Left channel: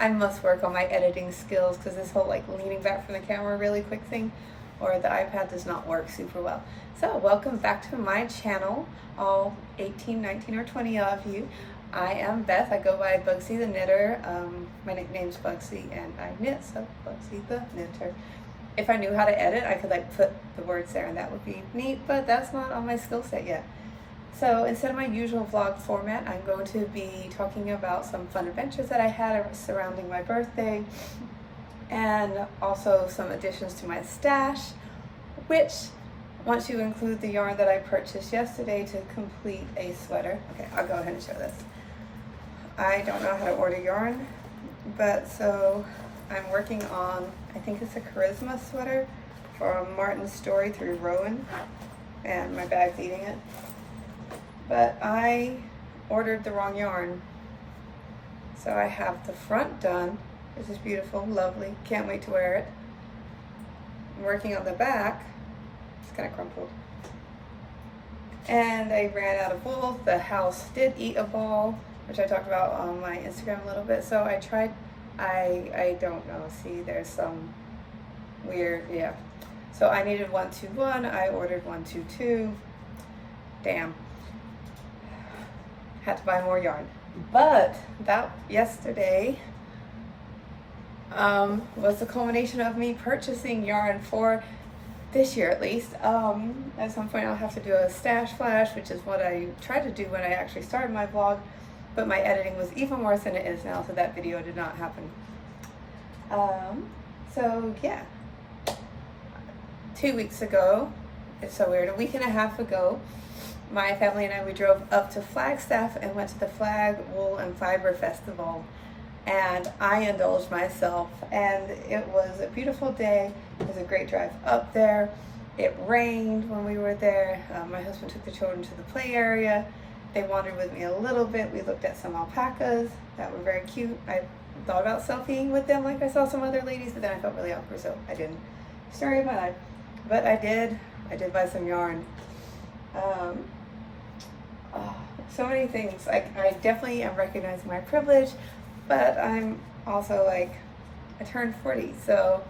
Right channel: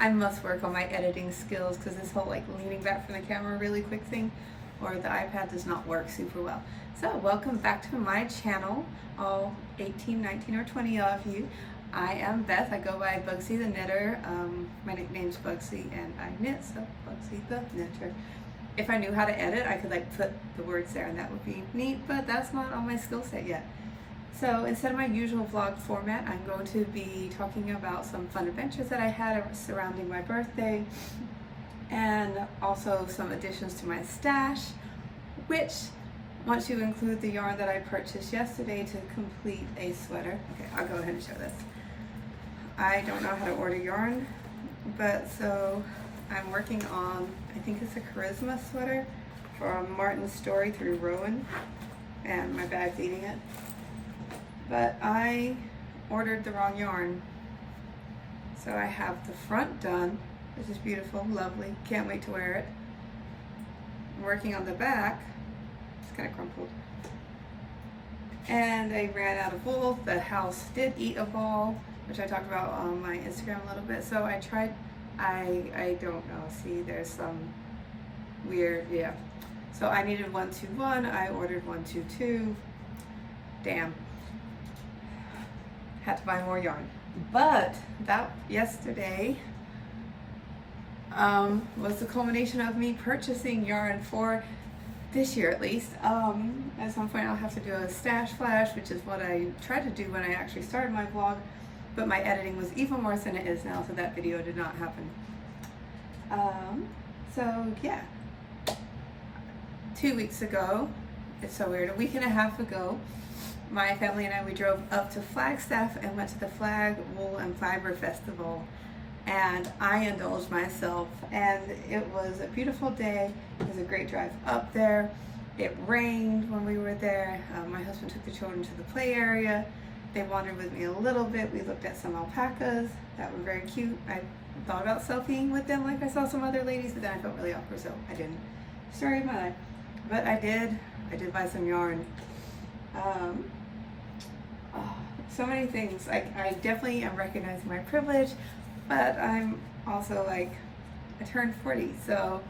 I must work on my editing skills because this whole like leaning back from the camera really quick thing, or the iPad does not work super well. So welcome back to my channel, all 18, 19, or 20 of you. I am Beth. I go by Bugsy the Knitter. My nickname's Bugsy and I knit, so Bugsy the Knitter. If I knew how to edit, I could like put the words there and that would be neat, but that's not on my skill set yet. So instead of my usual vlog format, I'm going to be talking about some fun adventures that I had surrounding my birthday, and also some additions to my stash, which, once you include the yarn that I purchased yesterday to complete a sweater. Okay, I'll go ahead and show this. I don't know how to order yarn, but so I'm working on, I think it's a Charisma sweater from Martin's Story through Rowan, and my bag's eating it. But I ordered the wrong yarn. So I have the front done, which is beautiful, lovely, can't wait to wear it. I'm working on the back, it's kind of crumpled. And I ran out of wool. The house did eat a ball, which I talked about on my Instagram a little bit. So I tried, I don't know, see there's some weird, yeah. So I needed 121, I ordered 122, damn. Had to buy more yarn. But that yesterday was the culmination of me purchasing yarn for this year at least. At some point I'll have to do a stash flash, which is what I tried to do when I actually started my vlog, but my editing was even worse than it is now, so that video did not happen. So yeah, 2 weeks ago, it's so weird, a week and a half ago, my family and I, we drove up to Flagstaff and went to the Flag Wool and Fiber Festival, and I indulged myself, and it was a beautiful day. It was a great drive up there. It rained when we were there. My husband took the children to the play area. They wandered with me a little bit. We looked at some alpacas that were very cute. I thought about selfieing with them like I saw some other ladies, but then I felt really awkward, so I didn't. Story of my life. But I did buy some yarn. So many things. I definitely am recognizing my privilege, but I'm also like, I turned 40, so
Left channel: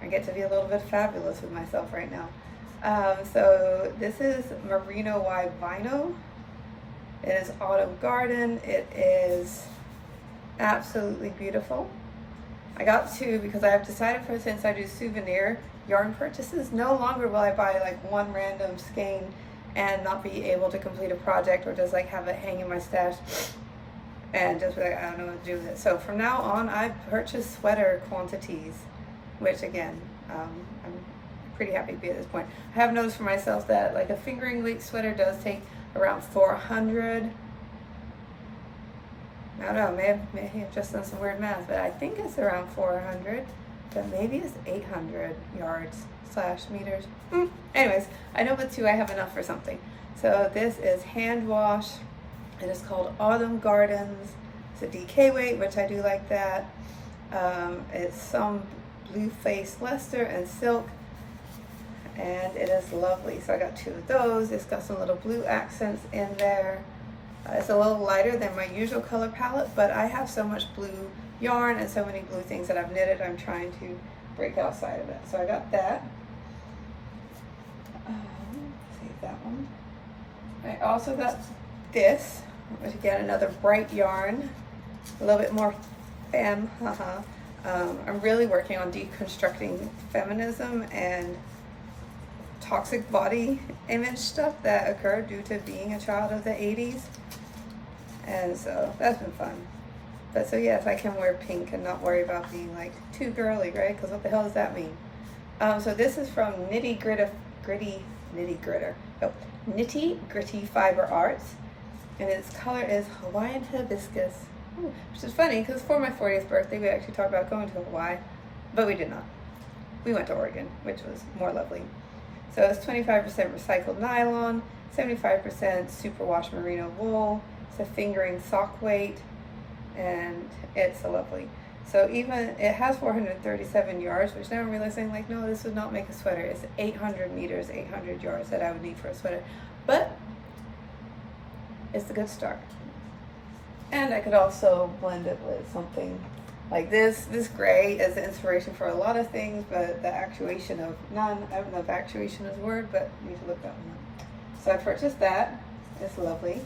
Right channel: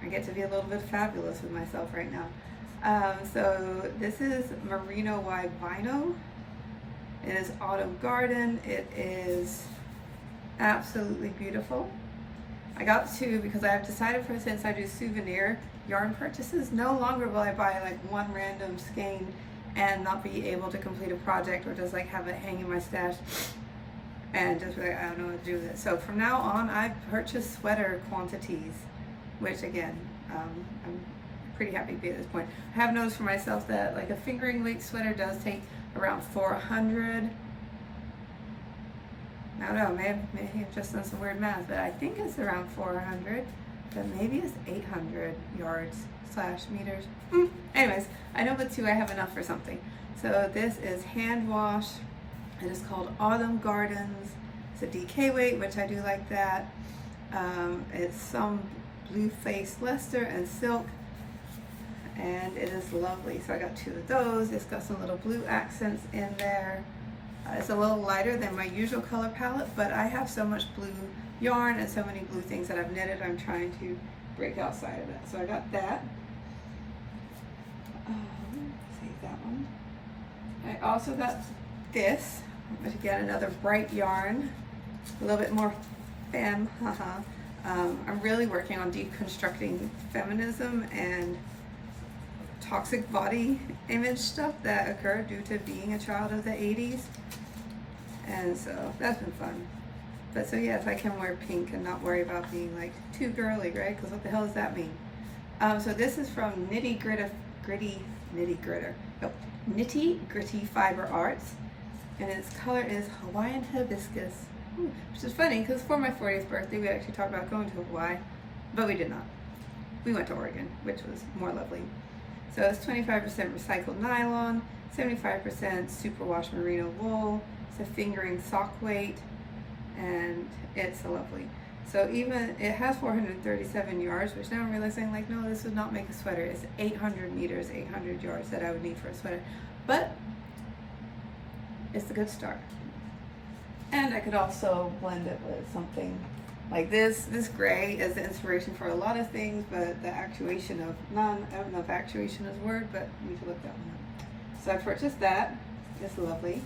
I get to be a little bit fabulous with myself right now. So this is Merino Wide Vinyl. It is Autumn Garden. It is absolutely beautiful. I got two because I have decided, for since I do souvenir yarn purchases, no longer will I buy like one random skein and not be able to complete a project, or just like have it hang in my stash and just be like, I don't know what to do with it. So from now on, I purchase sweater quantities, which again, I'm pretty happy to be at this point. I have noticed for myself that like a fingering weight sweater does take around 400. I don't know, maybe I've just done some weird math, but I think it's around 400, but maybe it's 800 yards / meters. Anyways, I know with two I have enough for something. So this is hand wash. It is called Autumn Gardens. It's a DK weight, which I do like that. It's some blue face Leicester and silk, and it is lovely. So I got two of those. It's got some little blue accents in there. It's a little lighter than my usual color palette, but I have so much blue yarn and so many blue things that I've knitted, I'm trying to break outside of it. So I got that. Save that one. I also got this, which again, another bright yarn, a little bit more femme, I'm really working on deconstructing feminism and toxic body image stuff that occurred due to being a child of the 80s. And so that's been fun. But so yes, I can wear pink and not worry about being like too girly, right? Because what the hell does that mean? So this is from Nitty Gritty Fiber Arts, and its color is Hawaiian Hibiscus. Which is funny because for my 40th birthday, we actually talked about going to Hawaii, but we did not. We went to Oregon, which was more lovely. So it's 25% recycled nylon, 75% superwash merino wool. It's a fingering sock weight, and it's lovely. So even, it has 437 yards, which now I'm realizing, like, no, this would not make a sweater. It's 800 meters, 800 yards that I would need for a sweater. But it's a good start. And I could also blend it with something Like this gray is the inspiration for a lot of things, but the actuation of none. I don't know if actuation is a word, but you need to look that one up. So I purchased that. It's lovely.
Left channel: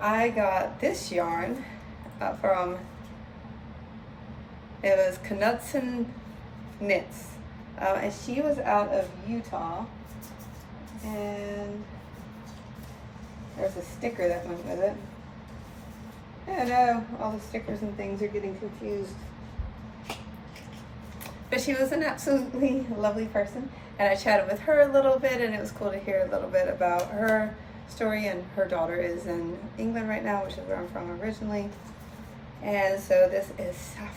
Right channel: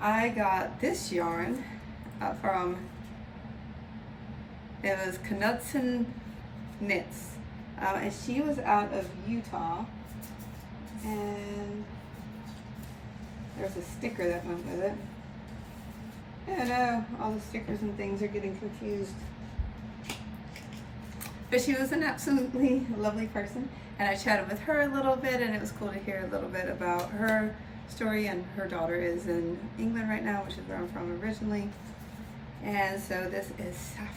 I got this yarn from, it was Knudsen Knits. And she was out of Utah. And there's a sticker that went with it. Yeah, no, all the stickers and things are getting confused. But she was an absolutely lovely person, and I chatted with her a little bit, and it was cool to hear a little bit about her story. And her daughter is in England right now, which is where I'm from originally. And so this is saffron,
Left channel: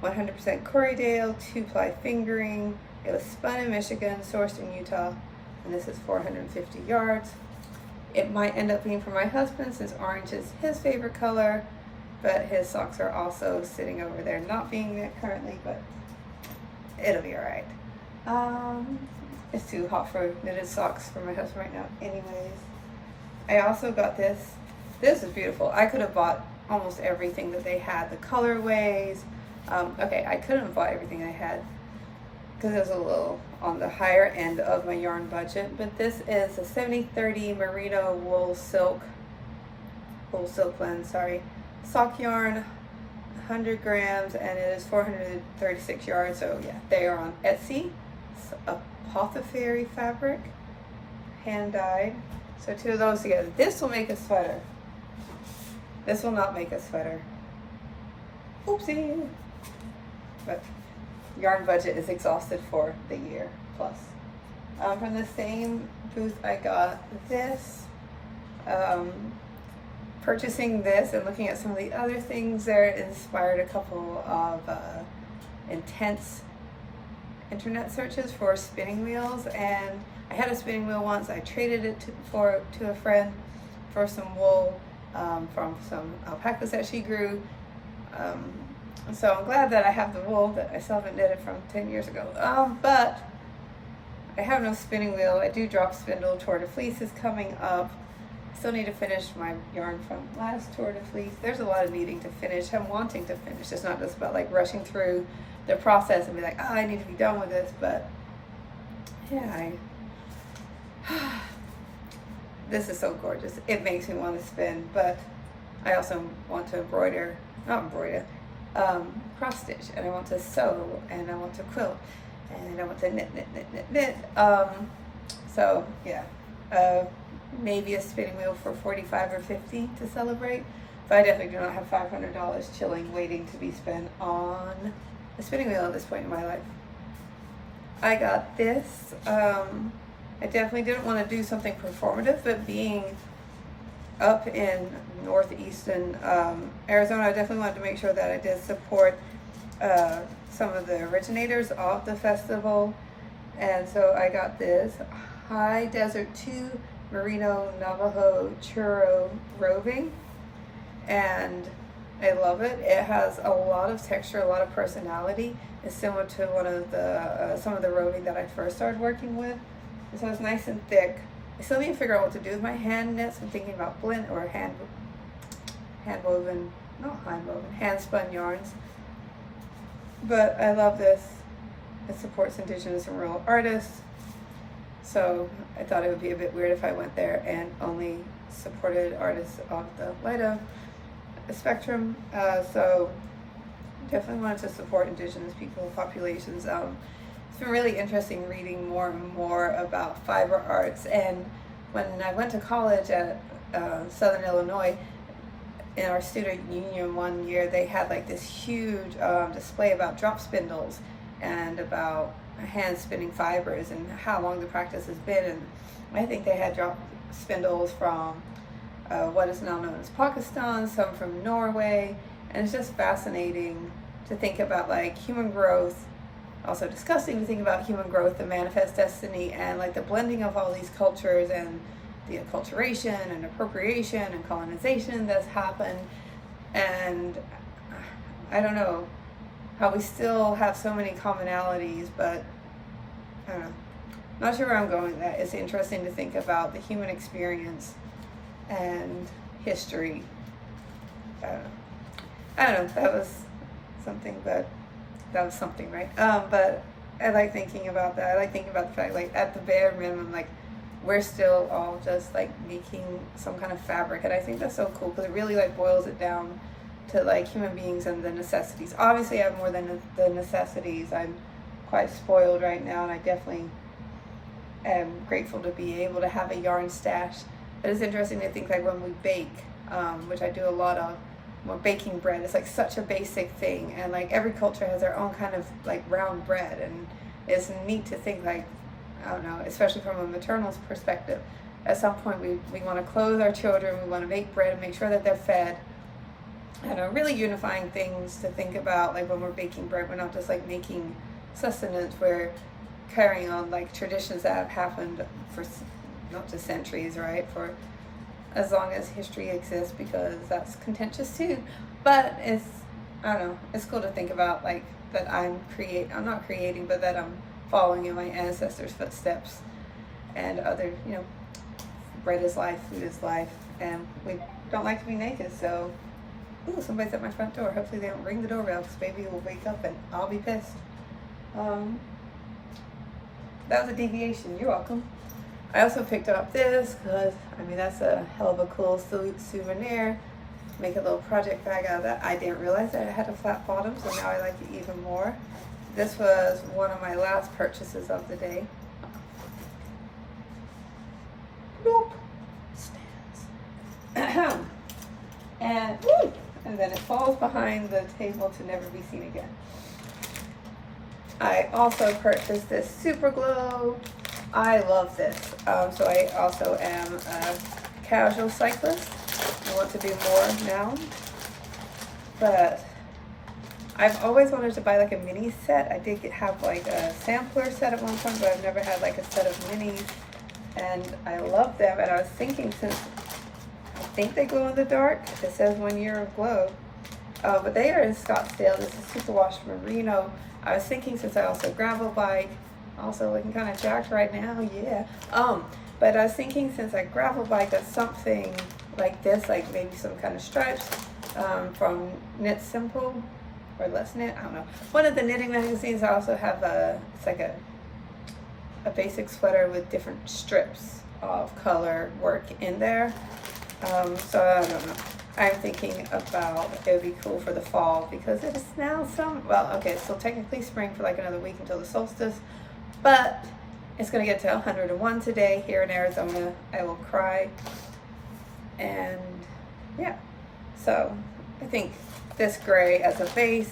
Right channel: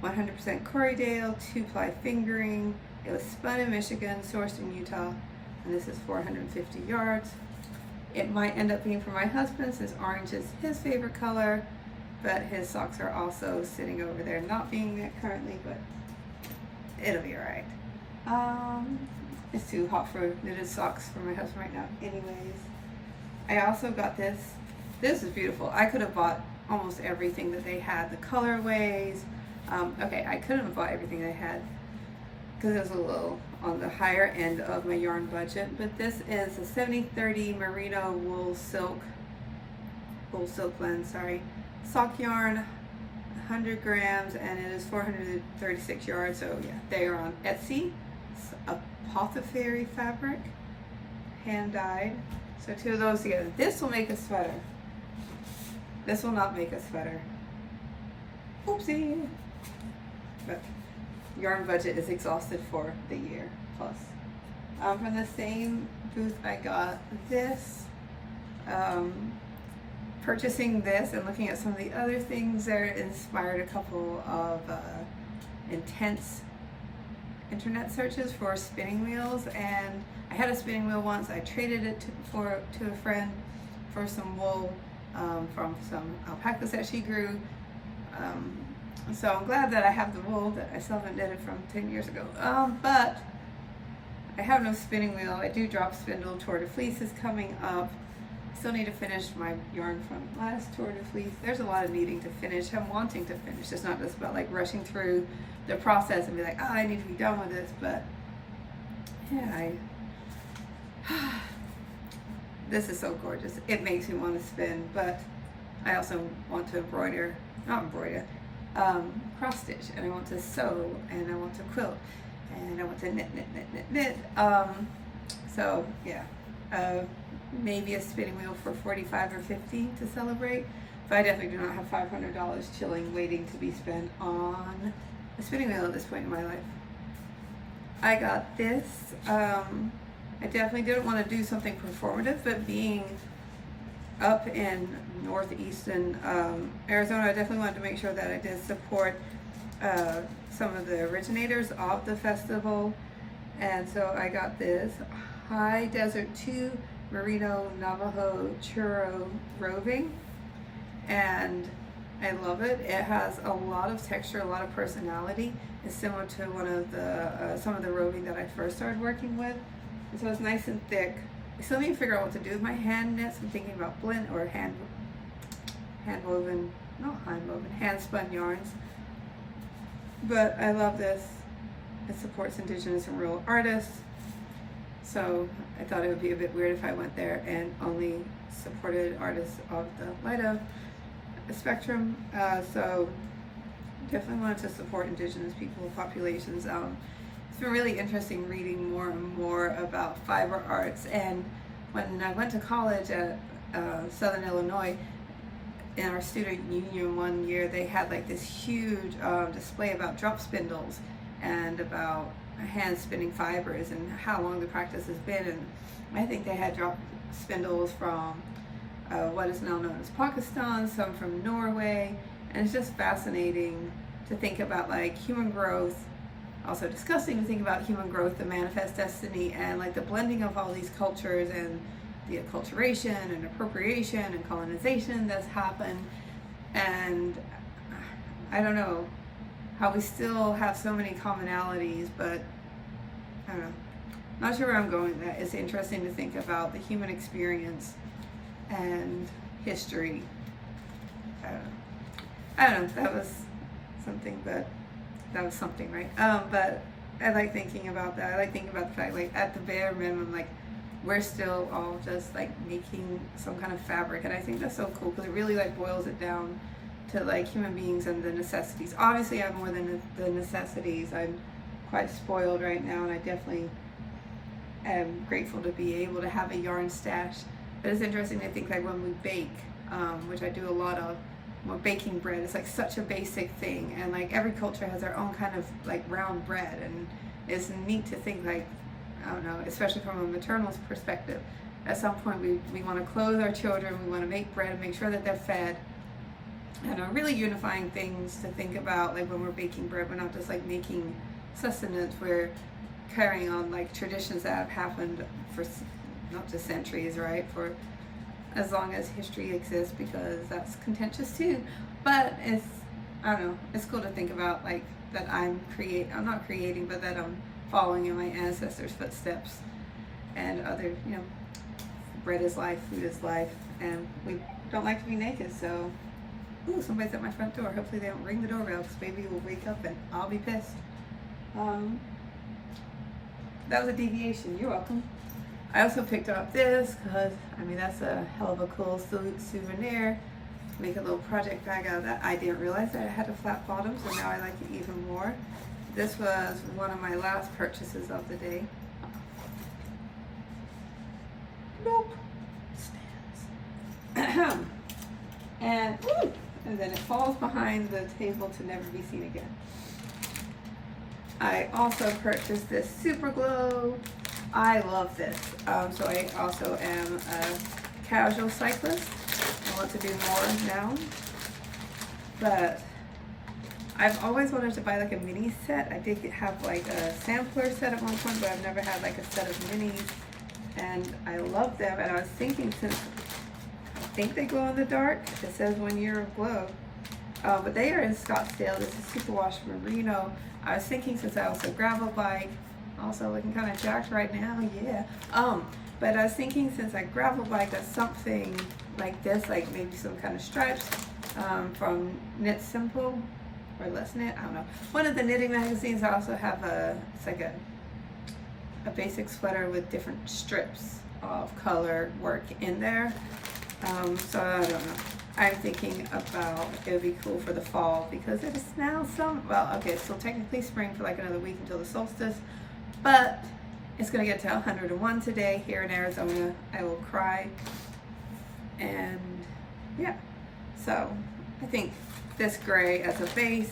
100% Corriedale, 2-ply fingering. It was spun in Michigan, sourced in Utah, and this is 450 yards. It might end up being for my husband since orange is his favorite color, but his socks are also sitting over there not being it currently, but it'll be all right. It's too hot for knitted socks for my husband right now anyways. I also got this. This is beautiful. I could have bought almost everything that they had, the colorways. Okay, I couldn't have bought everything I had because it was a little on the higher end of my yarn budget, but this is a 70/30 merino wool silk blend, sock yarn, 100 grams, and it is 436 yards. So yeah, they are on Etsy. It's apothecary fabric, hand dyed. So 2 of those together. This will make a sweater. This will not make a sweater. Oopsie. But yarn budget is exhausted for the year plus. From the same booth I got this. Purchasing this and looking at some of the other things there inspired a couple of intense internet searches for spinning wheels. And I had a spinning wheel once. I traded it to a friend for some wool from some alpacas that she grew. So I'm glad that I have the wool that I still haven't knitted from 10 years ago. But I have no spinning wheel. I do drop spindle. Tour de Fleece is coming up. I still need to finish my yarn from last Tour de Fleece. There's a lot of needing to finish. I'm wanting to finish. It's not just about like rushing through the process and be like, I need to be done with this. But yeah, this is so gorgeous. It makes me want to spin, but I also want to cross stitch, and I want to sew, and I want to quilt, and I want to knit. So yeah, maybe a spinning wheel for 45 or 50 to celebrate, but I definitely do not have $500 chilling waiting to be spent on a spinning wheel at this point in my life. I got this. I definitely didn't want to do something performative, but being up in northeastern Arizona, I definitely wanted to make sure that I did support some of the originators of the festival. And so I got this High Desert 2 Merino Navajo Churro roving, and I love it. It has a lot of texture, a lot of personality. It's similar to one of the some of the roving that I first started working with. So it's nice and thick. I still need to figure out what to do with my hand knits. I'm thinking about blend or hand spun yarns. But I love this. It supports Indigenous and rural artists. So I thought it would be a bit weird if I went there and only supported artists of the lighter spectrum. So definitely wanted to support Indigenous people, populations. It's been really interesting reading more and more about fiber arts. And when I went to college at Southern Illinois, in our student union one year, they had like this huge display about drop spindles and about hand spinning fibers and how long the practice has been. And I think they had drop spindles from what is now known as Pakistan, some from Norway, and it's just fascinating to think about like human growth. Also disgusting to think about human growth, the manifest destiny, and like the blending of all these cultures and the acculturation and appropriation and colonization that's happened. And I don't know how we still have so many commonalities, but I don't know. I'm not sure where I'm going with that. It's interesting to think about the human experience and history. I don't know. I don't know, that was something, but that was something, right? But I like thinking about that. I like thinking about the fact, like, at the bare minimum, like, we're still all just like making some kind of fabric, and I think that's so cool because it really like boils it down to like human beings and the necessities. Obviously, I have more than the necessities. I'm quite spoiled right now, and I definitely am grateful to be able to have a yarn stash. But it's interesting to think like when we bake, which I do a lot of. Well, baking bread is like such a basic thing, and like every culture has their own kind of like round bread, and it's neat to think like, I don't know, especially from a maternal perspective, at some point we want to clothe our children, we want to make bread and make sure that they're fed, and are really unifying things to think about. Like when we're baking bread, we're not just like making sustenance, we're carrying on like traditions that have happened for not just centuries, right, for as long as history exists, because that's contentious too. But it's, I don't know, it's cool to think about like that I'm not creating, but that I'm following in my ancestors' footsteps, and other, you know, bread is life, food is life, and we don't like to be naked. So, ooh, somebody's at my front door. Hopefully they don't ring the doorbell, because baby will wake up and I'll be pissed. That was a deviation. You're welcome. I also picked up this because, I mean, that's a hell of a cool souvenir. Make a little project bag out of that. I didn't realize that it had a flat bottom, so now I like it even more. This was one of my last purchases of the day. Nope. and then it falls behind the table to never be seen again. I also purchased this Super Glow. I love this. So I also am a casual cyclist. I want to do more now. But I've always wanted to buy like a mini set. I did have like a sampler set at one point, but I've never had like a set of minis. And I love them. And I was thinking, since I think they glow in the dark, it says 1 year of glow. But they are in Scottsdale. This is Superwash Merino. I was thinking, since I also gravel bike, also looking kind of jacked right now, yeah. But I was thinking, since I gravel bike, that something like this, like maybe some kind of stripes from Knit Simple or Let's Knit, I don't know. One of the knitting magazines, I also have it's like a basic sweater with different strips of color work in there. So I don't know. I'm thinking about, it would be cool for the fall, because it is now so technically spring for like another week until the solstice, but it's gonna get to 101 today here in Arizona. I will cry. And yeah, so I think this gray as a base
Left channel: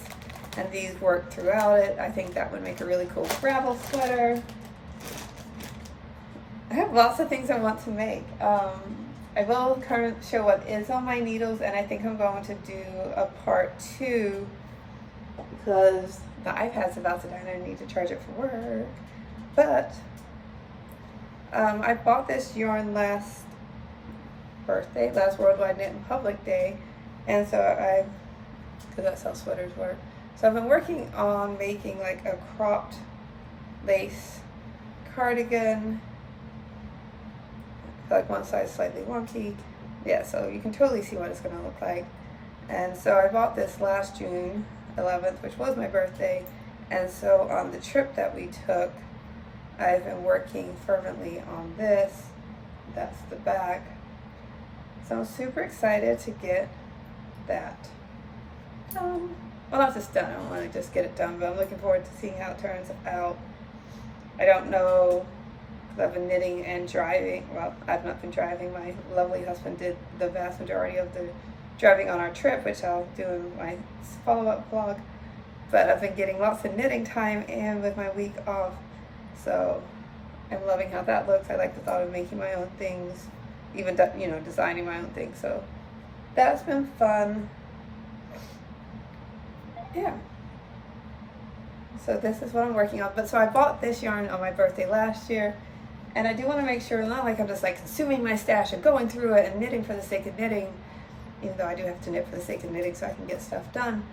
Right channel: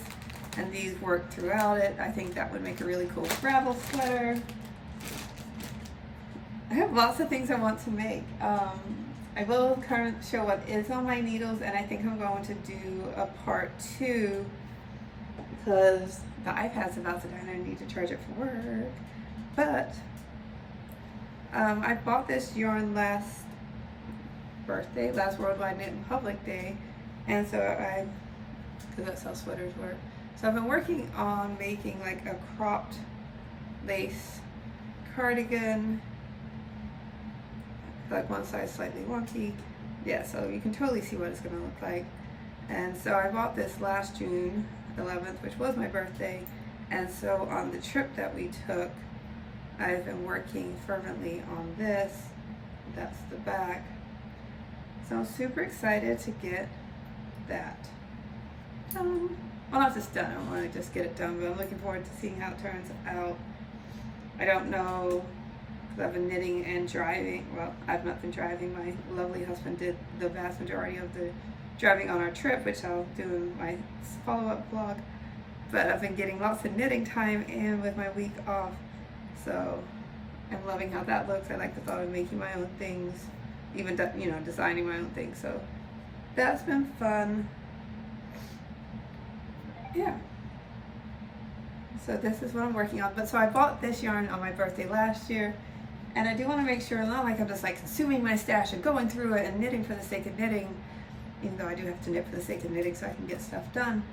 and these work throughout it, I think that would make a really cool gravel sweater. I have lots of things I want to make. I will show what is on my needles, and I think I'm going to do a part 2 because the iPad's about to die and I need to charge it for work. But I bought this yarn last Worldwide Knit in Public Day, and so because that's how sweaters work. So I've been working on making like a cropped lace cardigan, like one size slightly wonky. Yeah, so you can totally see what it's gonna look like. And so I bought this last June 11th, which was my birthday. And so on the trip that we took, I've been working fervently on this. That's the back. So I'm super excited to get that done. Well, not just done, I don't want to just get it done, but I'm looking forward to seeing how it turns out. I don't know, because I've been knitting and driving. Well, I've not been driving. My lovely husband did the vast majority of the driving on our trip, which I'll do in my follow-up vlog. But I've been getting lots of knitting time in with my week off. So I'm loving how that looks. I like the thought of making my own things, even designing my own things. So that's been fun. Yeah. So this is what I'm working on. But so I bought this yarn on my birthday last year, and I do want to make sure, not like I'm just like consuming my stash and going through it and knitting for the sake of knitting, even though I do have to knit for the sake of knitting so I can get stuff done.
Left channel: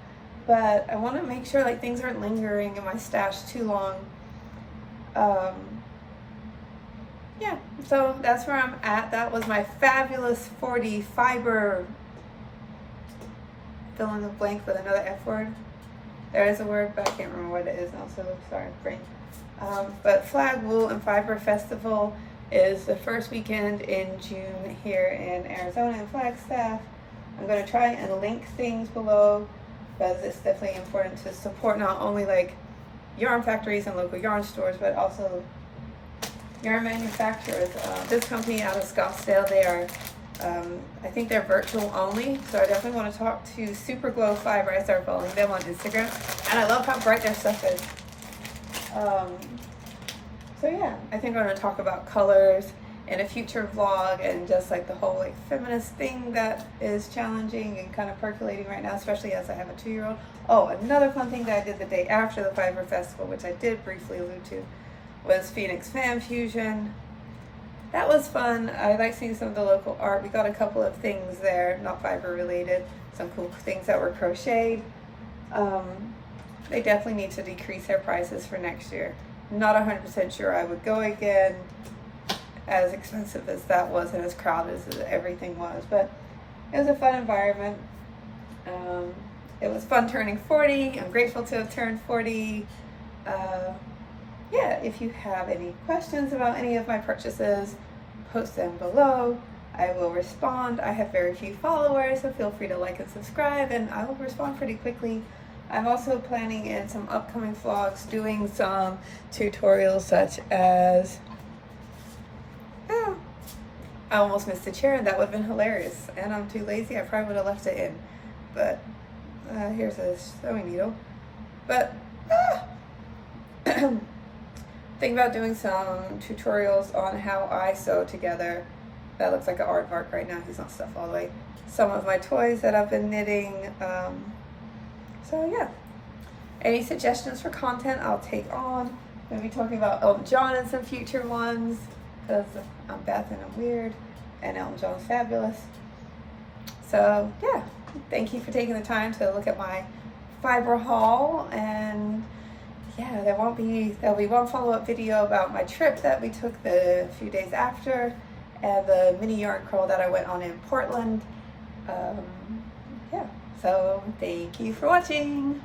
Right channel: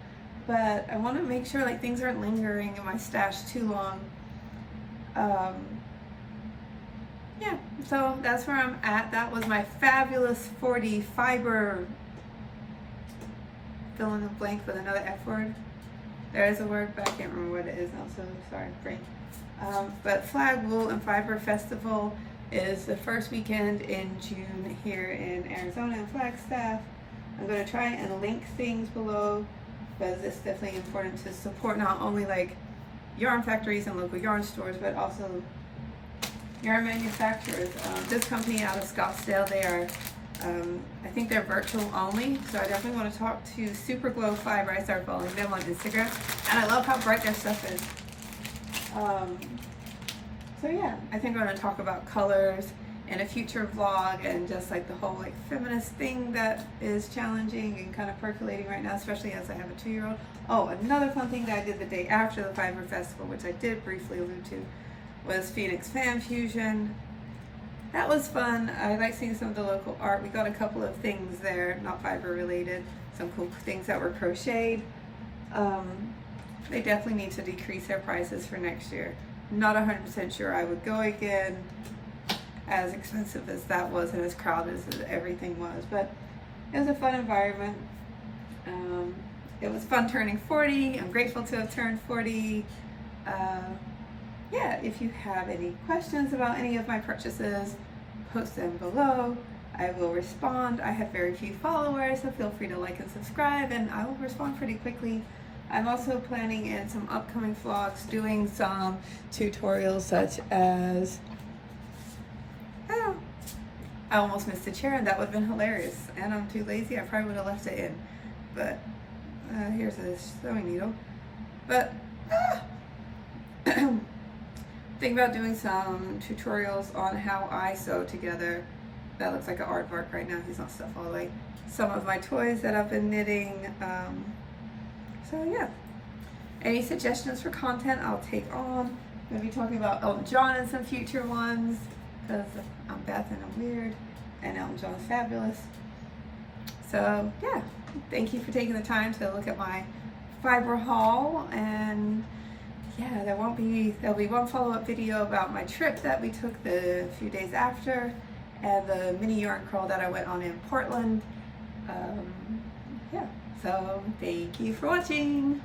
But I want to make sure like things aren't lingering in my stash too long. Yeah, so that's where I'm at. That was my fabulous 40 fiber fill in the blank with another F word. There is a word, but I can't remember what it is now, so sorry, brain. But Flag, Wool, and Fiber Festival is the first weekend in June here in Arizona in Flagstaff. I'm going to try and link things below because it's definitely important to support not only like yarn factories and local yarn stores, but also yarn manufacturers. This company out of Scottsdale, they are, I think they're virtual only, so I definitely want to talk to Super Glow Fiber. I started following them on Instagram, and I love how bright their stuff is. So yeah, I think I'm going to talk about colors in a future vlog, and just like the whole like feminist thing that is challenging and kind of percolating right now, especially as I have a 2-year-old. Oh, another fun thing that I did the day after the Fiber Festival, which I did briefly allude to, was Phoenix Fan Fusion. That was fun. I like seeing some of the local art. We got a couple of things there, not fiber related, some cool things that were crocheted. They definitely need to decrease their prices for next year. Not 100% sure I would go again, as expensive as that was and as crowded as everything was, but it was a fun environment. It was fun turning 40. I'm grateful to have turned 40. Yeah, if you have any questions about any of my purchases, post them below. I will respond. I have very few followers, so feel free to like and subscribe, and I will respond pretty quickly. I'm also planning in some upcoming vlogs doing some tutorials such as, I almost missed a chair and that would have been hilarious, and I'm too lazy. I probably would have left it in, but here's a sewing needle. But think about doing some tutorials on how I sew together. That looks like an aardvark right now. He's not stuffed all the way. Some of my toys that I've been knitting. So yeah, any suggestions for content I'll take on. Maybe talking about Elton John in some future ones, because I'm Beth and I'm weird, and Elton John's fabulous. So yeah, thank you for taking the time to look at my fiber haul, and yeah, there'll be one follow-up video about my trip that we took the few days after, and the mini yarn crawl that I went on in Portland. Yeah, so thank you for watching.